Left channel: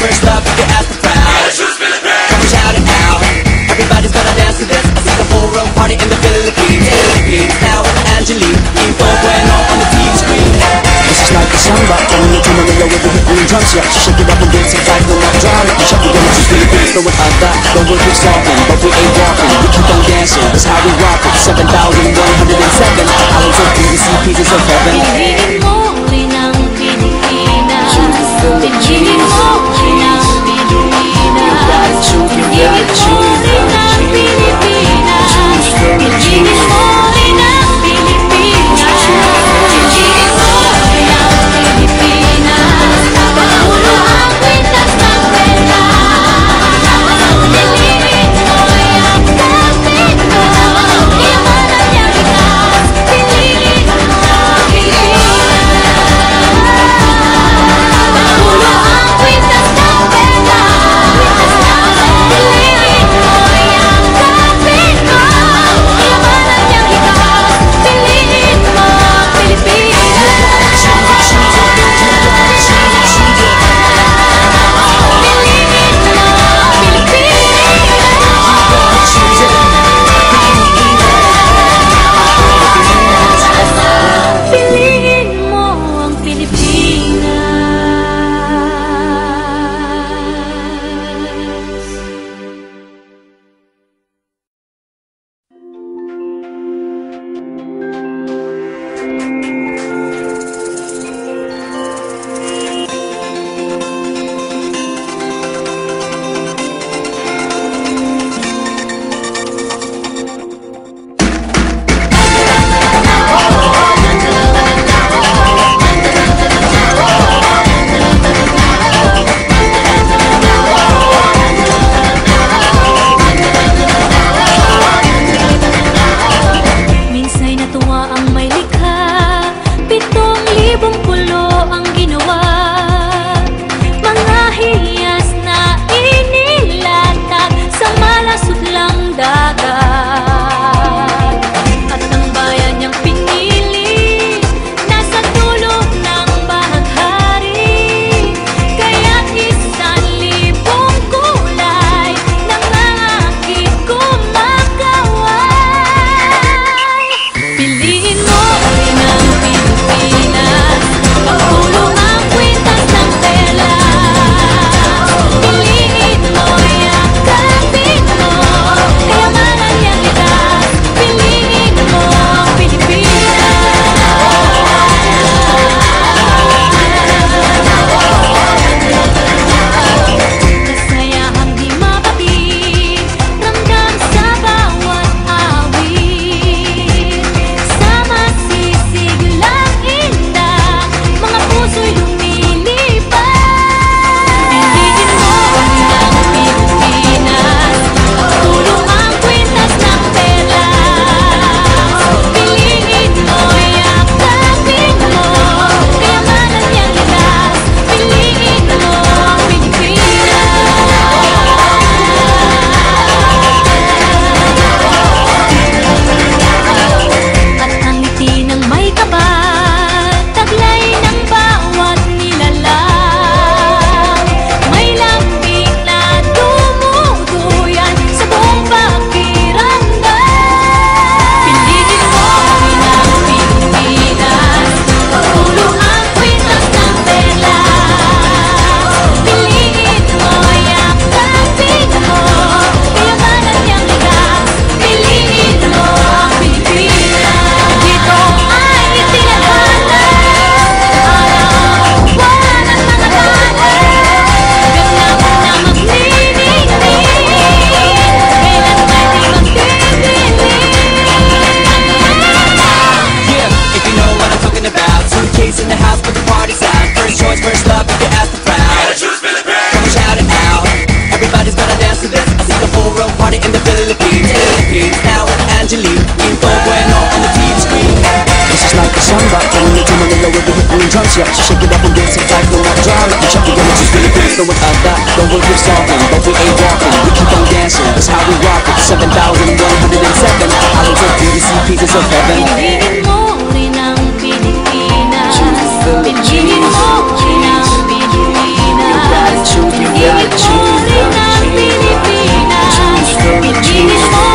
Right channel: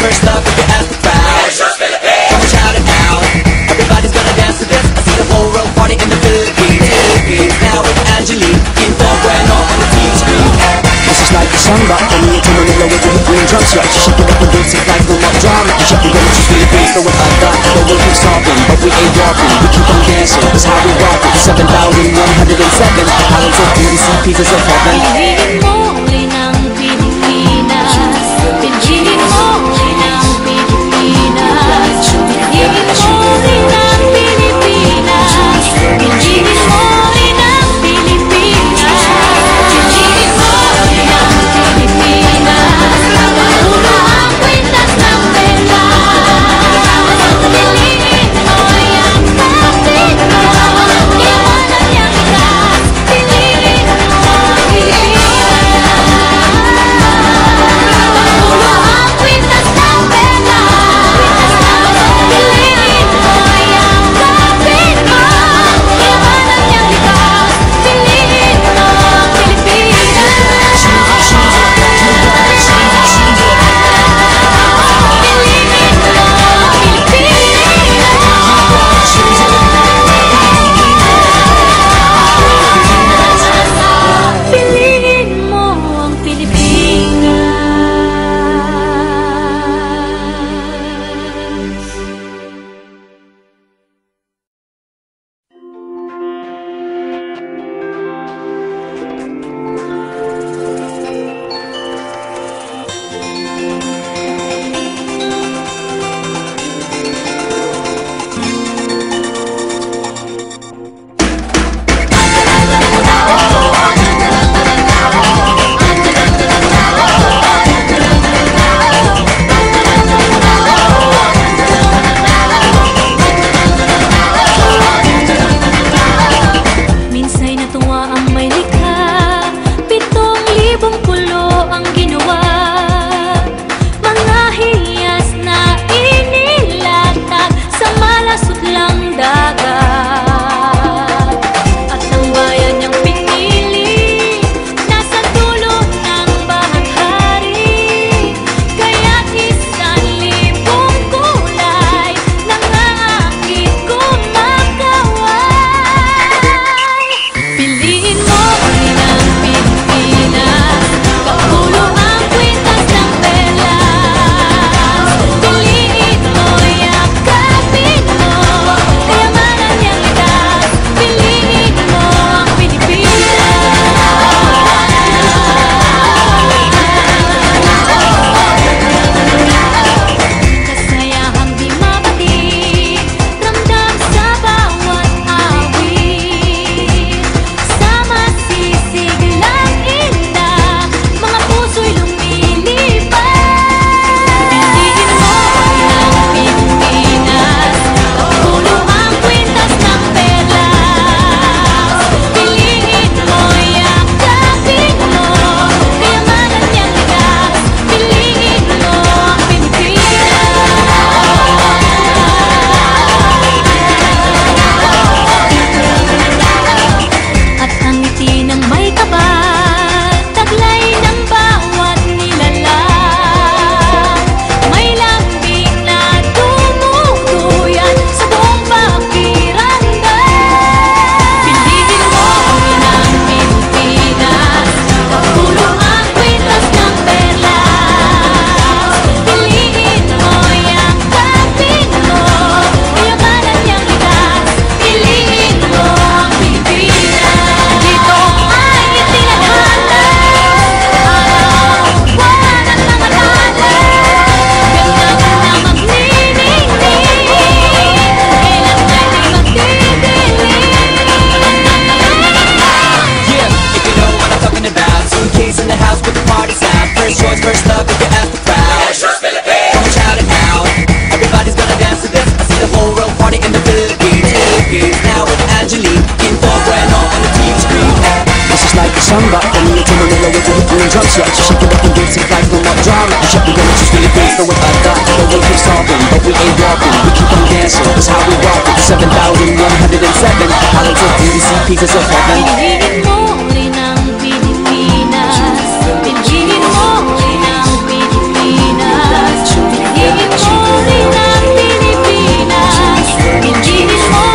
first love if you ask the crowd. Come on, shout it out. Everybody's gonna dance to this. I see the whole world party in the Philippines. Now with Angelique, info bueno on the TV screen. This is like a samba, coming into Manila with the hitting and drums. Yeah, she shake it up and dance it like no more drama. And shut the women to Philippines, throwing a dot. The world keeps talking, but we ain't walking. We keep on dancing, that's how we rock it. 7,107 islands of PVC, pieces of heaven. Piliin mo rin ang Pilipinas. Piliin mo rin ang Pilipinas. Piliin mo rin ang Pilipinas. Piliin mo rin ang Pilipinas. Piliin mo rin ang Pilipinas. Kapulo ang kwintas ng pera. Piliin mo yung kapit mo. Kayamanan niyang ikas. Piliin mo ang Pilipinas. Kapulo ang kwintas ng pera. Piliin mo yung kapit mo. Kayamanan niyang ikas. Piliin mo ang Pilipinas. Piliin mo ang Pilipinas. Minsa'y natuwa ang may likha, 7,000 pulo ang ginawa. Mga hiyas na inilatag sa malasot lang dagat. At ang bayan niyang pinili, nasa dulo ng bahaghari. Kaya't 1,000 kulay nangaakit kumakaway. Piliin mo rin ang Pilipinas. Kapulo ang kwintas ng perlas. Piliin mo, yakapin mo. Kayamanan niyang likas. Piliin mo ang Pilipinas. Kasayahang di mapatid, ramdam sa bawat awit. Sama sisiglang indah, mga puso'y lumilipad. Piliin mo rin ang Pilipinas. Kapulo ang kwintas ng perlas. Piliin mo, yakapin mo. Kayamanan niyang likas. Piliin mo ang Pilipinas. At ang ngiti ng may kapal, taglay ng bawat nilalang. May lambing na dumuduyan sa buong pakiramdam. Piliin mo rin ang Pilipinas. Kapulo ang kwintas ng perlas. Piliin mo, yakapin mo. Kayamanan niyang likas. Piliin mo ang Pilipinas. Dito ay itinadhana araw-buwan at mga tala. Ganap na magniningning, kailan may di magdidilim. Yeah, if you know what I'm talking about. Suitcase in the house with the party sound. First choice, first love if you ask the crowd. Come on, shout it out. Everybody's gonna dance to this. I see the whole world party in the Philippines. Now with Angelique, info bueno on the TV screen. This is like a samba, coming into Manila with the hitting and drums. Yeah, she shake it up and dance it like no more drama. And shut the women to Philippines, throwing a dot. The world keeps talking, but we ain't walking. We keep on dancing, that's how we rock it. 7,107 islands of PVC, pieces of heaven. Piliin mo rin ang Pilipinas. Piliin mo rin ang Pilipinas. Piliin mo rin ang Pilipinas. Piliin mo